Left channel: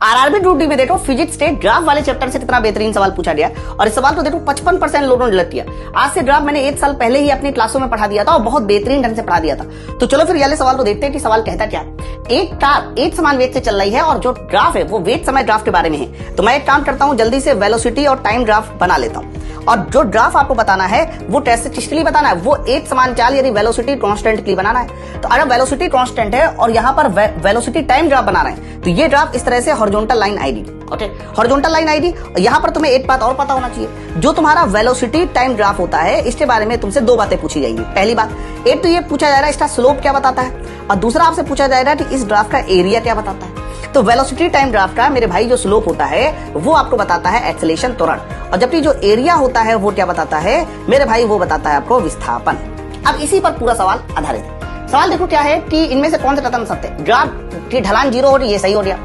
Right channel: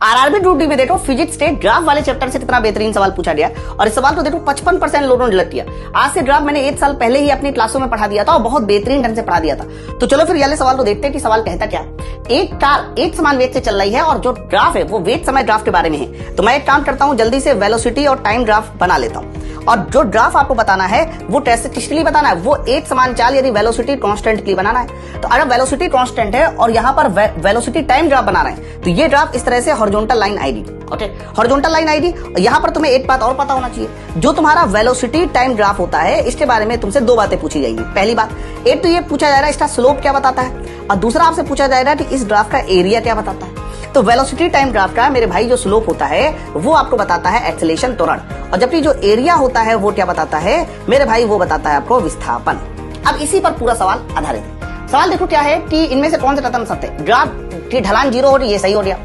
RRB duty में देखो physics के ग्राफ वाले चैप्टर से कितना बेहतरीन सवाल पूछा गया और इस सवाल को देखो 55% लोगों ने गलत किया। आज से ग्राफ मैंने 1 साल पहले ही अपनी क्लासों में पढ़ा दिया था और बहुत बेहतरीन ढंग से पढ़ा दिया था। तो चलो फिर वाले सवाल को देखते हैं कि सवाल कहता क्या। एक समान वेग से चल रही है और जो ग्राफ है वो वेग समय ग्राफ के बारे में है। तो मैं एक काम करता हूँ, जल्दी से वेलोसिटी और टाइम ग्राफ बना लेता हूँ और जो ग्राफ आपको बताना है वो स्टैटिस्टिकली बताना है, वो एक समान चाल यदि वेलोसिटी कांस्टेंट की बनाना है। तो अगर वेलोसिटी कांस्टेंट है और यहाँ पर वेलोसिटी टाइम ग्राफ बना रहे हैं तो ये ग्राफ इस तरह से हॉरिजॉन्टल लाइन आएगी। ओके, हॉरिजॉन्टल लाइन आएगी। यहाँ पर तुम्हें एक बात और पता होना चाहिए, जो तुम्हारा वेलोसिटी टाइम ग्राफ होता है इसके बारे में तुमसे 2 बातें पूछी जाएगी। पहली बात, एक तो ये पूछा जाएगा इसका स्लोप क्या बताता है और दूसरा आपसे पूछा जाएगा कि इस ग्राफ का एरिया क्या बताता है। तो वेलोसिटी टाइम ग्राफ का मेरे भाई जो स्लोप होता है वो आपको बताता है एक्सेलरेशन त्वरण, और जबकि जो एरिया होता है वो क्या बताता है मेरे भाई, वो बताता है आपको विस्थापन। अब इसी पर पूरा सवाल आधारित है। सवाल देखो क्या है कि इनमें से कौन सा खत्म करते हैं। ग्राफ की ढलान 0 हो रही है, सही हो गया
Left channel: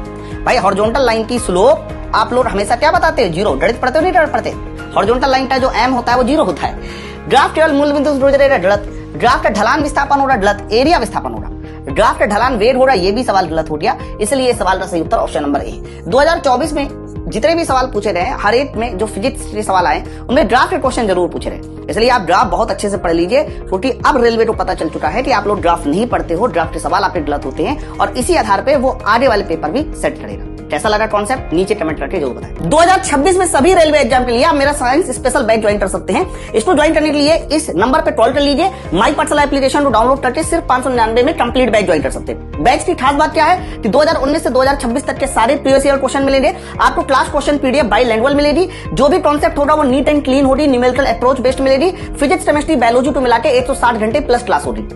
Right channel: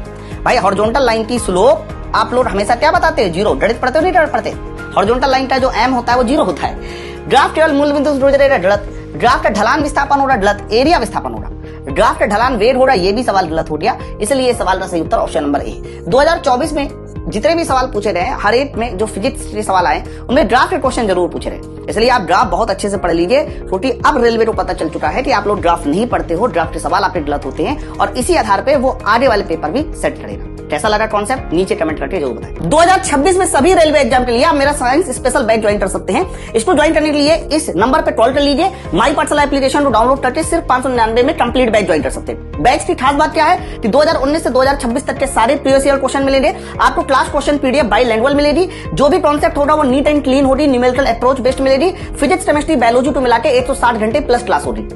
भाई। हॉरिजॉन्टल लाइन की स्लोप आप लोग हमेशा क्या बताते हैं, 0। गणित पढ़ते हो नहीं पढ़ते? हॉरिजॉन्टल लाइन का जो m होता है वो 0 होता है। ग्राफ केवल मूल बिंदु से जुड़ रहेगा, गलत। ग्राफ का ढलान विस्थापन हो रहा, गलत। एरिया विस्थापन हो रहा। ग्राफ का ढलान वेग हो रहा, ये भी सवाल गलत हो गया। इसलिए इस सवाल का सही उत्तर ऑप्शन नंबर ए। 2024 में जितने भी सवाल पूछे गए हर एक में जो फिजिक्स के सवाल आए उनमें ग्राफ के क्वेश्चन जरूर पूछे रहे, इसलिए आप ग्राफ बहुत अच्छे से पढ़ लीजिए। क्योंकि अब रेलवे को पता चल चुका है कि आप लोग ग्राफ नहीं पढ़ते हो, ग्राफ के सवाल आपके गलत होते हैं और इसी आधार पे वो आगे वाले पेपर भी सेट करेगा। कैसा लगा कॉन्सेप्ट नीचे कमेंट करके जरूर बताएं। 2026 में सभी रेलवे एग्जाम के लिए आप मेरा साइंस स्पेशल बैच ज्वाइन कर सकते हैं। इसको ज्वाइन करने के लिए इस नंबर पे कॉल कर लीजिए। माई पर्सनल एप्लीकेशन को डाउनलोड करके सिर्फ 599 में कंप्लीट बैच ज्वाइन कर सकते हैं। बैच की खास बात क्या है कि 2019 से 2026 तक के सारे प्रीवियस ईयर क्वेश्चन मिलेंगे आपको। क्लास क्वेश्चन पीडीएफ बाइलिंगुअल मिलेगी। जो भी कॉन्सेप्ट होगा वो नीट एंड क्लीन होगी, न्यूमेरिकल अप्रोच बेस्ड मिलेगी। फिजिक्स, केमिस्ट्री, बायोलॉजी को मिला के 160 घंटे प्लस क्लास होगी।